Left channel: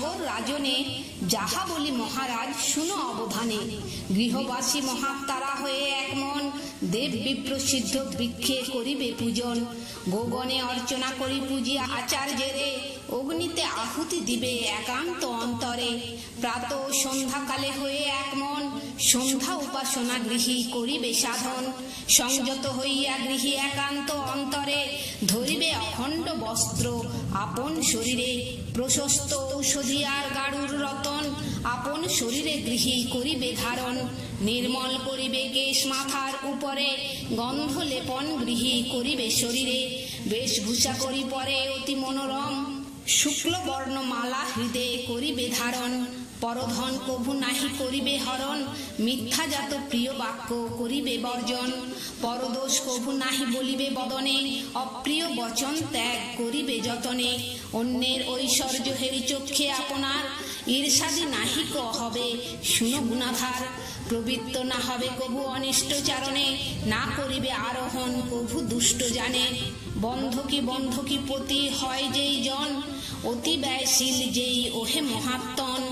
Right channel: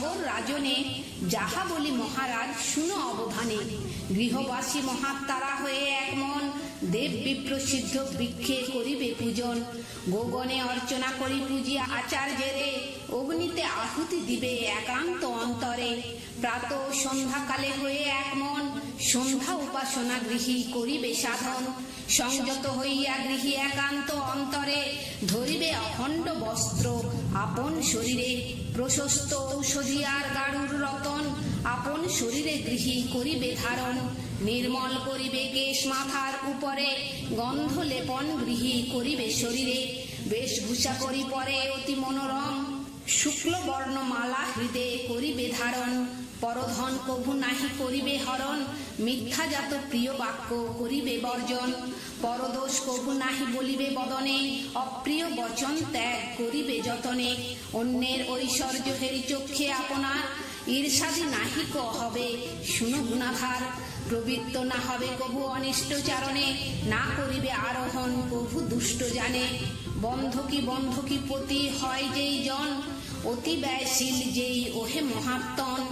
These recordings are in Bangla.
সগর রাজনে যাহা বলি মহারাজ শুনো অবধানে। গৃহবাসী মহাত্মারা হয়ে এক মন, দেব বিপ্র সিদ্ধ বৃক্ষে করিবে পূজন। গোগণে অর্চনা করি পূজি আচার্যেরে, অগ্নিতে আহুতি দিবে একান্ত অন্তরে। প্রাত সন্ধ্যাকালে হয়ে এক মন, সন্ধ্যা উপাসনা গৃহী করিবে সাধন। সংযত হইয়া গৃহী একান্ত অন্তরে, ধরিবে অখণ্ড বস্ত্র আপন শরীরে। প্রশস্ত ঔষধিয়ার গাড়ুর রতন, আপন শরীরে গৃহী করিবে ধারণ। নির্মল করিবে কেশ মাথার উপরে, গন্ধ লেপন গৃহী করিবে শরীরে। বেশভূষা করি পরে অতি মনোরম, শুক্ল বর্ণ মালা হৃদয়ে করিবে ধারণ। পরধন কভু নাহি করিবে হরণ, মিথ্যাজাত প্রিয় বাক্য করিবে বর্জন। পরদোষ কভু নাহি বলিবে বদনে, অপ্রিয় বচন ত্যাগ করিবে যতনে। অন্যের ঐশ্বর্য হেরি চক্ষে আপনার, ঈর্ষাদি নাহিক হবে শুনো গুণাধার। প্রবৃত্ত না হবে কভু অনিষ্ট চারণে, না করিবে আরোহণ কভু দুষ্ট জানে। বন্ধকি পতি হয় যেই জন, অতি ব্যয়শীল যেই ওহে মহাত্মন।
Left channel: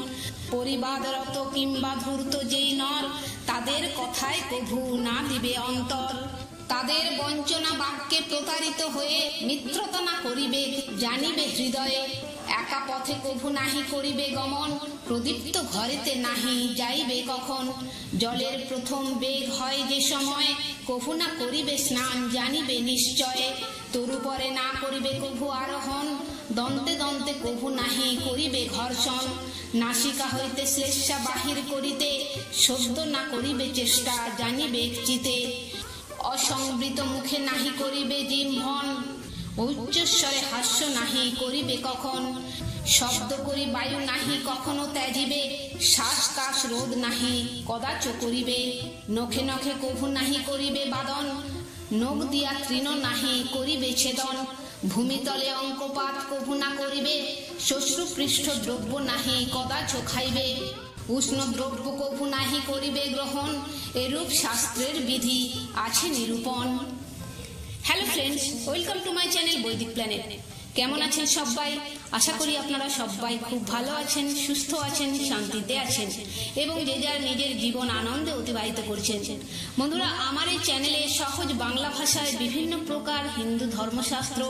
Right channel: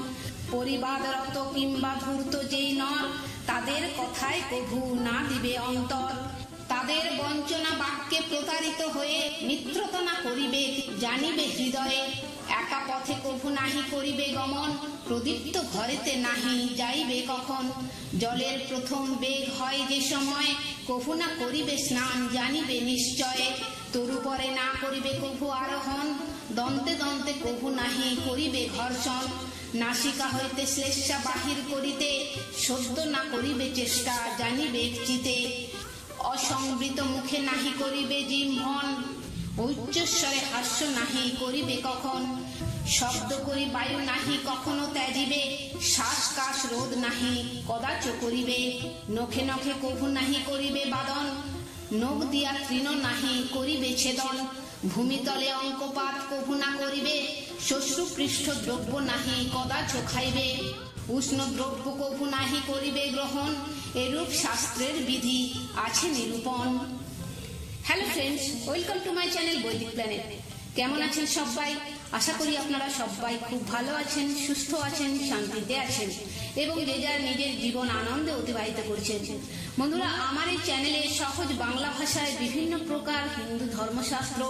পরিবাদরত কিংবা ধূর্ত যেই নর, তাদের কথায় কভু না দিবে অন্তর। তাদের বঞ্চনা বাক্যে প্রতারিত হয়ে, মিত্রতা করিবে জানিবে হৃদয়ে। একা পথে কভু নাহি করিবে গমন, প্রদীপ্ত ঘরেতে নাহি যাইবে কখন। জলের প্রথম বেগ হয় যে সময়, কভু না করিবে স্নান জানিবে নিশ্চয়। তরুপরে না করিবে কভু আরোহণ, দন্তে দন্তে কভু নাহি করিবে ঘর্ষণ। নাসিকা হইতে শ্লেষা বাহির করিতে, সদ্য না করিবে চেষ্টা জানিবে চিতে। অসংবৃত মুখে নাহি করিবে জিহ্বন, উচ্চস্বরে হাস্য নাহি করিবে কখন। শব্দ করি বায়ু নাহি কখনো ত্যাজিবে, শ্বাস কাশ রোধ নাহি কদাচ করিবে। নখে নখে কভু নাহি করিবে বাদন, নখ দিয়া তৃণ নাহি করিবে ছেদন। ভূমিতলে অঙ্কপাত কভু না করিবে, শস্যপৃষ্ঠ দ্রব্য নাহি কদাচ খাইবে। উষ্ণ দ্রব্য কভু নাহি করিবে গ্রহণ, এরূপ শাস্ত্রের বিধি আছে নিরূপণ। Hello friends, welcome to my channel বৈদিক প্ল্যানেট। কেমন আছেন সবাই? আশা করি আপনারা সবাই খুব ভালো আছেন, সুস্থ আছেন, শান্তিতে আছেন এবং যে যার নিজের জীবন আনন্দে অতিবাহিত করছেন। বন্ধুরা, আমার এই চ্যানেলে সহজ বাংলা ভাষায় বিভিন্ন প্রকার হিন্দু ধর্মশাস্ত্র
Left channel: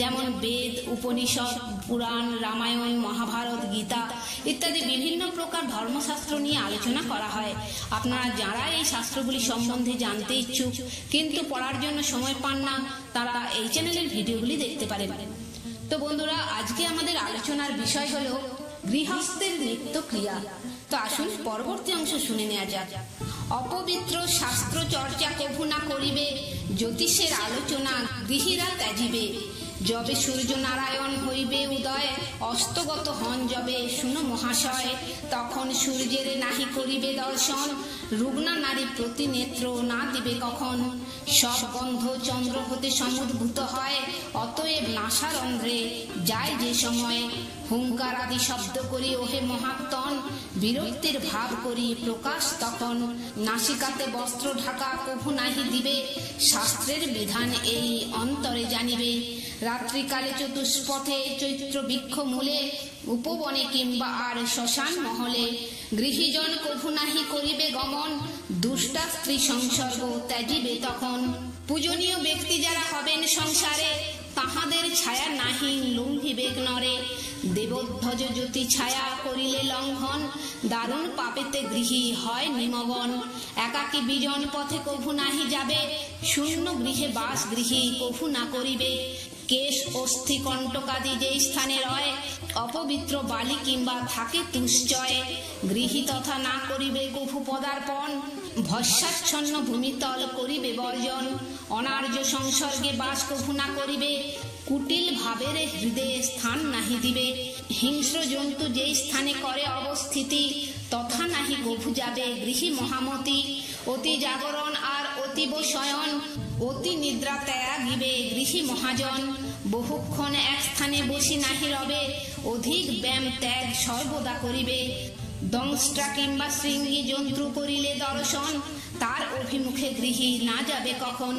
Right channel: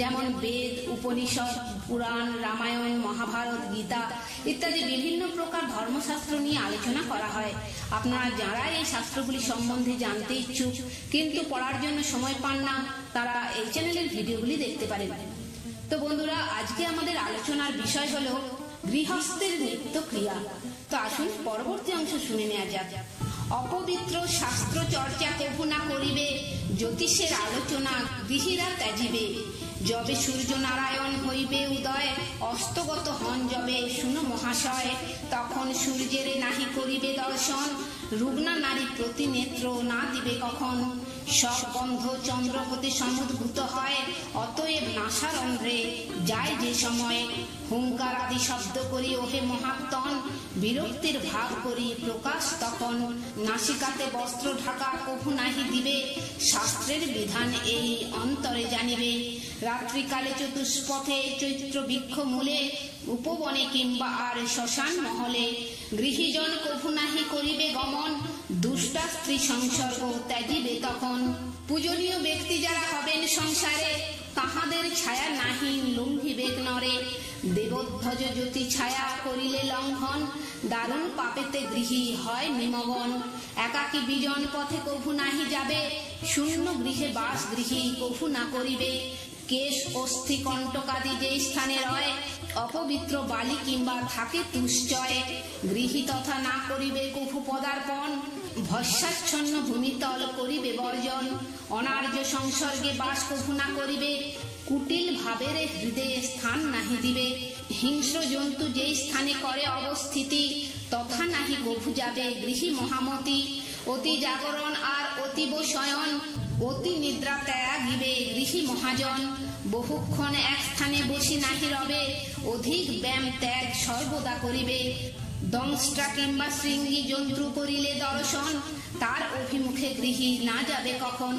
যেমন বেদ, উপনিষদ, পুরাণ, রামায়ণ, মহাভারত, গীতা ইত্যাদি বিভিন্ন প্রকার ধর্মশাস্ত্র নিয়ে আলোচনা করা হয়। আপনারা যারা এই শাস্ত্রগুলি সম্বন্ধে জানতে ইচ্ছুক কিন্তু পড়ার জন্য সময় পান না, তারা এই চ্যানেলের ভিডিওগুলি দেখতে পারেন। তো বন্ধুরা, আজকে আমাদের আলোচনার বিষয় হলো গৃহস্থের নিত্য ক্রিয়া। তো আসুন পরবর্তী অংশ শুনে নেওয়া যাক। অপবিত্র শাস্ত্র চর্চা কভু না করিবে, জ্যোতিষের আলোচনা গৃহীরা ত্যাজিবে। যবে সূর্য নারায়ণ হইবে উদয়, অস্তগত হন যবে শুনো মহাশয়। তখন সূর্যের নাহি করিবে দর্শন, রুগ্না নারী প্রতি নেত্র না দিবে কখন। সব গন্ধ চন্দ্র হতে সমুদ্ভূত হয়, অতএব নাসারন্ধ্রে যায় যে সময়। হুঙ্কার আদি শব্দ করি ওহে মহাত্মন, বিরক্তির ভাব করি প্রকাশ তখন। নাসিকাতে বস্ত্র ঢাকা কভু নাহি দিবে, শাস্ত্রের বিধান এই অন্তরে জানিবে। রাত্রিকালে চতুষ্পথে চৈত্র বৃক্ষ মূলে, উপবনে কিংবা আর শ্মশান মহলে। গৃহীজন কভু নাহি করিবে গমন, দুষ্টা স্ত্রী সংসর্গ ত্যাজিবে তখন। পূজনীয় ব্যক্তি যারা হবেন সংসারে, তাহাদের ছায়া নাহি লঙ্ঘিবে নরে। দেবোধ্বজ জ্যোতি ছায়া করিলে লঙ্ঘন, দারুণ পাপেতে গৃহী হয় নিমগন। একাকী বিজন পথে কভু নাহি যাবে, শূন্য গৃহে বাস গৃহী কভু না করিবে। কেশ অস্থি কণ্টকাদি যে স্থানে রয়, অপবিত্র বালি কিংবা থাকে তুশ্চয়। গৃহী তথা না করিবে কভু পদার্পণ, ভস্মাচ্ছন্ন ভূমিতল করিবে বর্জন। অনার্য সংসর্গে বাস কভু না করিবে, কুটিল ভাবের হৃদয়ে স্থান নাহি দিবে। হিংস্র জন্তু যে স্থানে করে অবস্থিতি, তথা নাহি কভু যাবে গৃহী মহামতি। অতি জাগরণ আর অতীব শয়ন, অতি নিদ্রা ত্যাগিবে গৃহী মহাজন। বহুক্ষণ এক স্থানে বসি নাহি রবে, অধিক ব্যায়াম ত্যাগ সর্বদা করিবে। দংষ্টা কিংবা শৃঙ্গী জন্তু করিলে দর্শন, তার অভিমুখে গৃহী না যাবে কখন।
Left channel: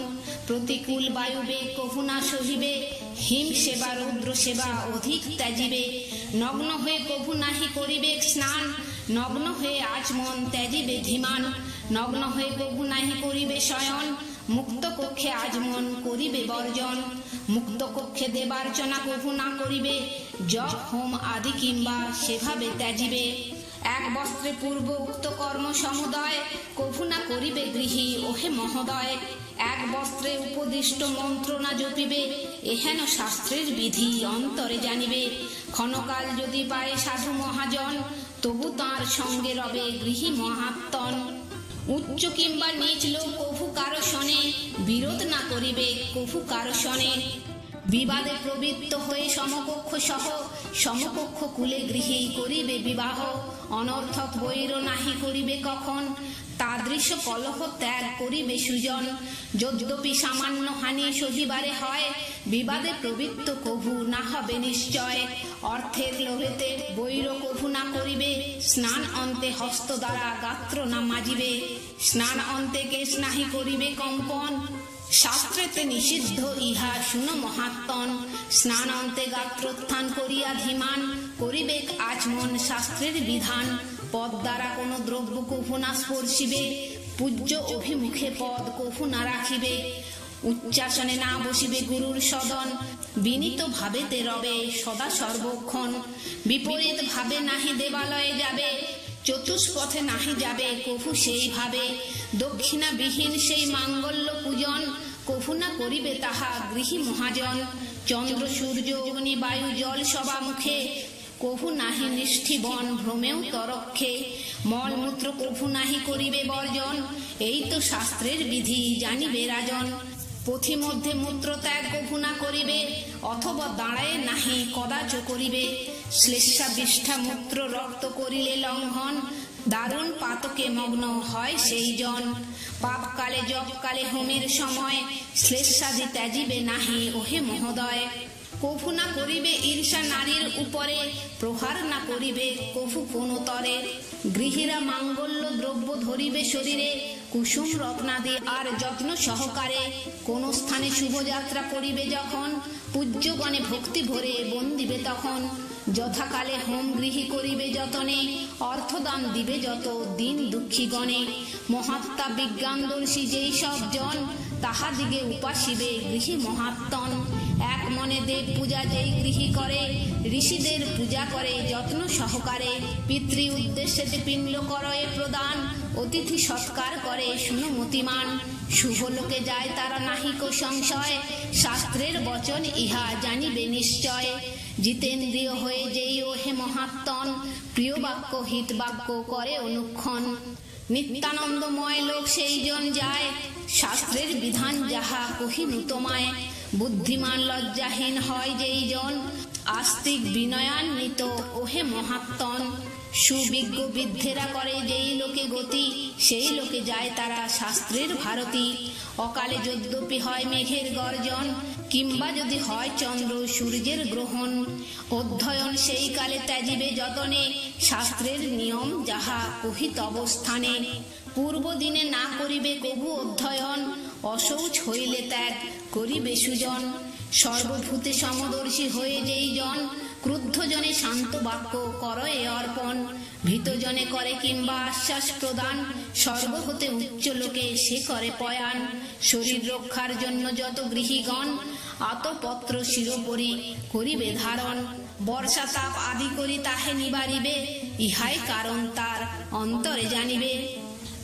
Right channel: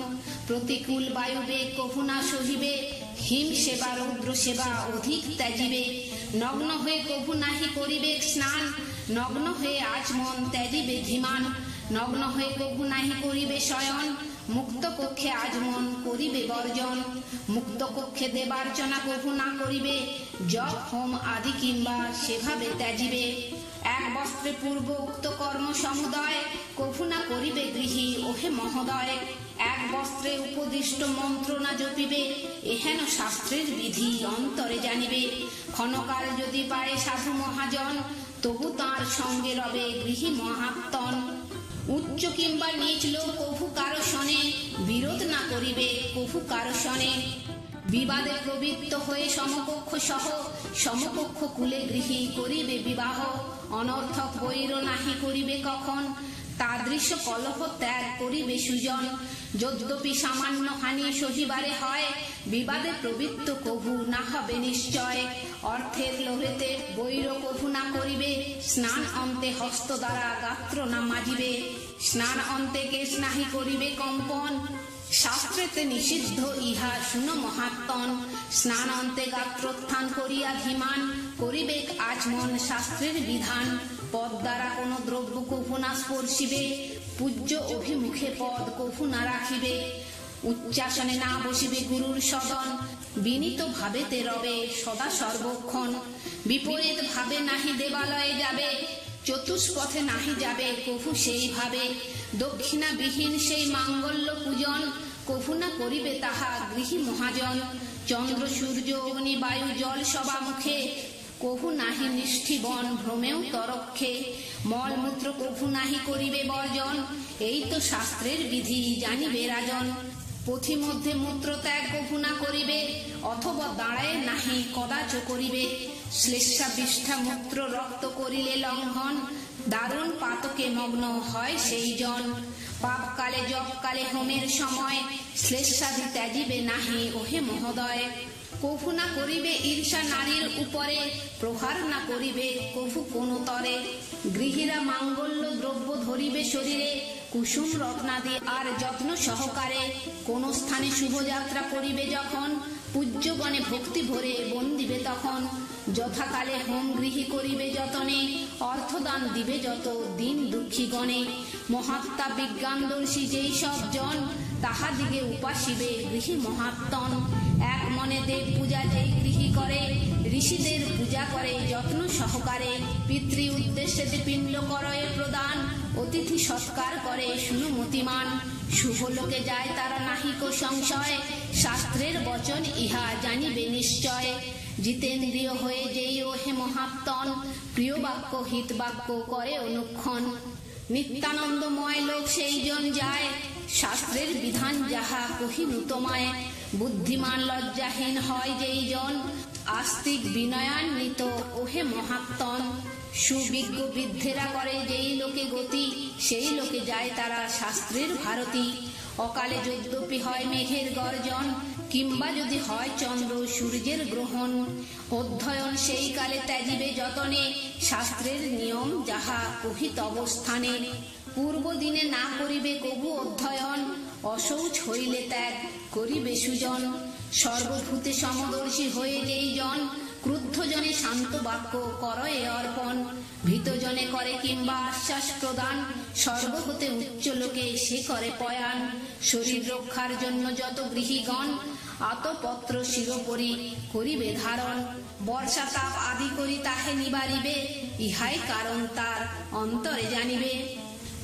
প্রতিকূল বায়ুবে কভু না সহিবে, হিম সেবা রৌদ্র সেবা অধিক ত্যাজিবে। নগ্ন হয়ে কভু নাহি করিবে স্নান, নগ্ন হয়ে আচমন ত্যাজিবে ধীমান। নগ্ন হয়ে কভু নাহি করিবে শয়ন, মুক্ত কক্ষে আজমন করিবে বর্জন। মুক্ত কক্ষে দেবার্চনা কভু না করিবে, জপ হোম আদি কিংবা সেভাবে ত্যাজিবে। এক বস্ত্রে পূর্ব উক্ত কর্ম সমুদয়, কভু না করিবে গৃহী ওহে মহোদয়। এক বস্ত্রে উপদিষ্ট মন্ত্র না জপিবে, এহেন শাস্ত্রের বিধি অন্তরে জানিবে। ক্ষণকাল যদি পায় সাধু মহাজন, তবু তাঁর সঙ্গে রবে গৃহী মহাত্মন। উচ্চ কিংবা নিচ লোক কভু কারো শোনে, বিরোধ না করিবে কভু কারো শোনে। বিবাদে প্রবৃত্ত হয়ে সমকক্ষ সহ, সমকক্ষ কুলে গৃহী করিবে বিবাহ। অনর্থক বৈর নাহি করিবে কখন, তাদৃশ কলহ ত্যাগ করিবে সুজন। যদ্যপি সামান্য হানি সহিবারে হয়, বিবাদে প্রবৃত্ত কভু না হবে নিশ্চয়। অর্থের লোভেতে বৈর কভু না করিবে, স্নান অন্তে হস্ত দ্বারা গাত্র না মাজিবে। স্নান অন্তে কেশ নাহি করিবে কম্পন, শাস্ত্রেতে নিষিদ্ধ ইহা শুনো মহাত্মন। স্নান অন্তে গাত্রোত্থান করিয়া ধীমান, করিবে আচমন শাস্ত্রের বিধান। পদ দ্বারা কোন দ্রব্য কভু না স্পর্শিবে, পূজ্য অভিমুখে পদ কভু না রাখিবে। উচ্চাসনে না বসিবে গুরুর সদন, বিনীত ভাবেতে রবে সদা সর্বক্ষণ। বিপরীত ভাবে নাহি দেবালয়ে যাবে, চতুষ্পথে নাহি যাবে কভু সেই ভাবে। দক্ষিণা বিহীন সেই মাঙ্গল্য পূজন, কভু না করিবে তাহা গৃহী মহাজন। চন্দ্র সূর্য অগ্নি বায়ু জল সবা মুখে, কভু নাহি নিষ্ঠিবন ভ্রমেও তরক্ষে। মলমূত্র কভু নাহি করিবে বর্জন, এই তো শাস্ত্রের বিধি জানিবে রাজন। পথি মধ্যে মূত্র ত্যাগ কভু না করিবে, অথবা দাঁড়ায় নাহি কদাচ করিবে। শ্লেষা বিষ্ঠা মূত্র রক্ত করিলে লঙ্ঘন, দারুণ পাতকে মগ্ন হয় সেই জন। পাপকালে জপকালে হোমের সময়, শ্লেষাদি ত্যাজিবে নাহি ওহে মহোদয়। কভু না করিবে ঈর্ষা নারীর উপরে, প্রহার না করিবে কভু কোন তরে। গৃহীরা মাঙ্গল্য দ্রব্য ধরিবে শরীরে, কুসুম রত্নাদি আর যত্ন সহকারে। কোন স্থানে শুভযাত্রা করিবে যখন, পূজ্যগণে ভক্তি ভরে বন্দিবে তখন। যথাকালে হোম গৃহী করিবে যতনে, অর্থদান দিবে যত দিন দুঃখী গণে। মহাত্মা বিজ্ঞানদর্শী যেই সব জন, তাহাদিগে উপাসিবে গৃহী মহাত্মন। এক মনে দেব পূজা যেই গৃহী করে, ঋষিদের পূজা করে যত্ন সহকারে। পিতৃ উদ্দেশ্যে পিণ্ড করয়ে প্রদান, অতিথি সৎকার করে শুনো মতিমান। শুভ লোকে যায় তারা নাহিক সংশয়, শাস্ত্রের বচন ইহা জানিবে নিশ্চয়। জিতেন্দ্রিয় হয়ে যেই ওহে মহাত্মন, প্রিয় বাক্য হিত বাক্য করে অনুক্ষণ। নিত্যানন্দময় লোক সেই জন যায়, শাস্ত্রের বিধান যাহা কহিনু তোমায়। বুদ্ধিমান লজ্জাহীন হয় যেই জন, আস্তিক বিনয়ান্বিত ওহে মহাত্মন। সুবিজ্ঞ বৃদ্ধেরা করে যেই লোকে গতি, সেই লোকে যায় তারা শাস্ত্রের ভারতী। অকালে যদ্যপি হয় মেঘের গর্জন, কিংবা যদি হয় চন্দ্র সূর্যের গ্রহণ, অধ্যয়ন সেই কালে ত্যাজিবে যতনে, শাস্ত্রের নিয়ম যাহা কহিত অবস্থানে। পূর্ব দিনে না করিবে কভু অধ্যয়ন, অশৌচ হইলে ত্যাগ করিবে সুজন। সর্বভূতে সমদর্শী হয়ে যেই জন, ক্রুদ্ধ জনে শান্ত বাক্য করয়ে অর্পণ। ভীতজনে করে কিংবা আশ্বাস প্রদান, স্বর্গ হতে উচ্চ লোকে সে করে পয়ান। শরীর রক্ষার জন্য যত গৃহীগণ, আতপত্র শিরোপরি করিবে ধারণ। বর্ষাতাপ আদি করি তাহে নিবারিবে, ইহাই কারণ তার অন্তরে জানিবে।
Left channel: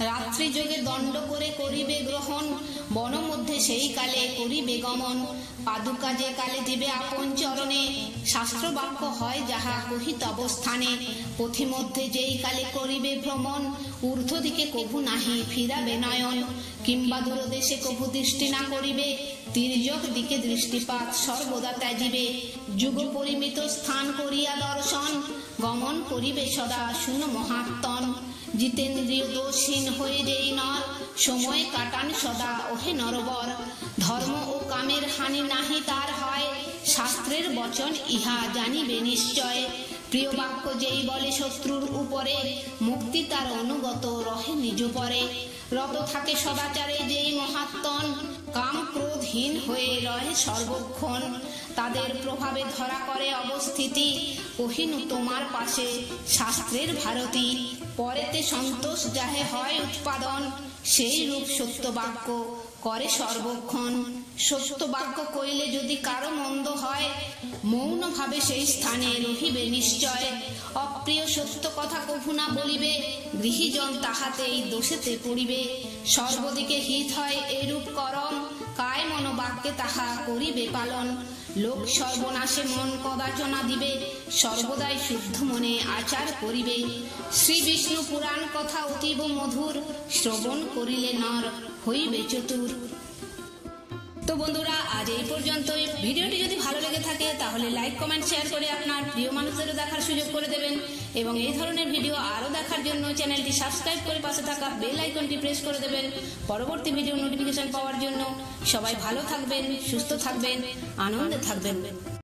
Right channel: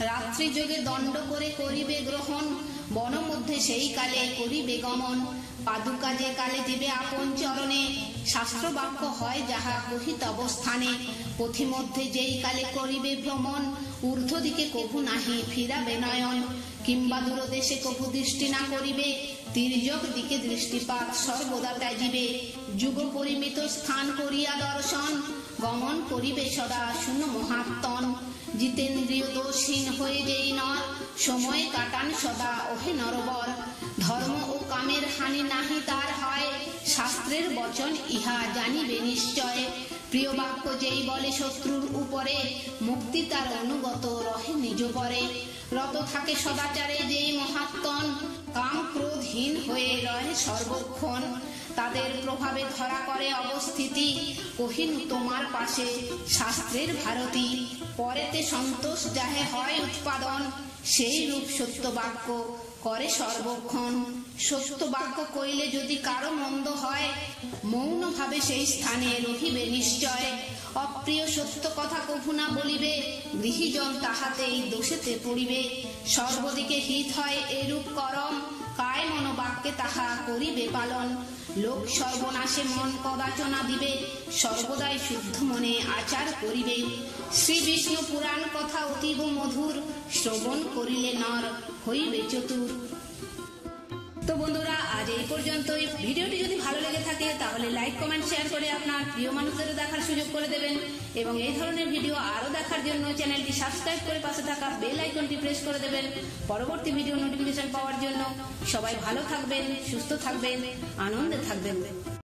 রাত্রি যোগে দণ্ড করে করিবে গ্রহণ, বন মধ্যে সেই কালে করিবে গমন। পাদুকা যে কালে দিবে আপন চরণে, শাস্ত্র বাক্য হয় যাহা কহিত অবস্থানে। পথি মধ্যে যেই কালে করিবে ভ্রমণ, ঊর্ধ্ব দিকে কভু নাহি ফিরাবে নয়ন। কিংবা দূরদেশে কভু দৃষ্টি না করিবে, তির্যক দিকে দৃষ্টিপাত সর্বদা ত্যাজিবে। যুগ পরিমিত স্থান করিয়া দর্শন, গমন করিবে সদা শুনো মহাত্মন। জিতেন্দ্রিয় দোষহীন হয়ে যেই নর, সময় কাটান সদা ওহে নরবর। ধর্ম ও কামের হানি নাহি তার হয়, শাস্ত্রের বচন ইহা জানিবে নিশ্চয়। প্রিয় বাক্য যেই বলে শত্রুর উপরে, মুক্তি তার অনুগত রহে নিজ পরে। রত থাকে সদাচারে যেই মহাত্মন, কাম ক্রোধহীন হয়ে রহে সর্বক্ষণ। তাদের প্রভাবে ধরা করে অবস্থিতি, কহিনু তোমার পাশে শাস্ত্রের ভারতী। পরেতে সন্তোষ যাহে হয় উৎপাদন, সেই রূপ সত্য বাক্য করে সর্বক্ষণ। সত্য বাক্য কইলে যদি কারো মন্দ হয়, মৌন ভাবে সেই স্থানে রহিবে নিশ্চয়। অপ্রিয় সত্য কথা কভু না বলিবে, গৃহীজন তাহাতেই দোষেতে পড়িবে। সর্বদিকে হিত হয় এরূপ করম, কায় মনোবাক্যে তাহা করিবে পালন। লোক সর্বনাশে মন কদাচনা দিবে, সর্বদাই শুদ্ধ মনে আচার করিবে। শ্রী বিষ্ণু পুরাণ কথা অতীব মধুর, শ্রবণ করিলে নর হইবে চতুর। তো বন্ধুরা, আজ এই পর্যন্তই। ভিডিওটি যদি ভালো লেগে থাকে তাহলে লাইক, কমেন্ট, শেয়ার করে আপনার প্রিয় মানুষদেরও দেখার সুযোগ করে দেবেন। এবং এই ধরনের ভিডিও আরো দেখার জন্য চ্যানেলটি সাবস্ক্রাইব করে পাশে থাকা বেল আইকনটি প্রেস করে দেবেন পরবর্তী ভিডিও নোটিফিকেশন পাওয়ার জন্য। সবাই ভালো থাকবেন, সুস্থ থাকবেন, আনন্দে থাকবেন।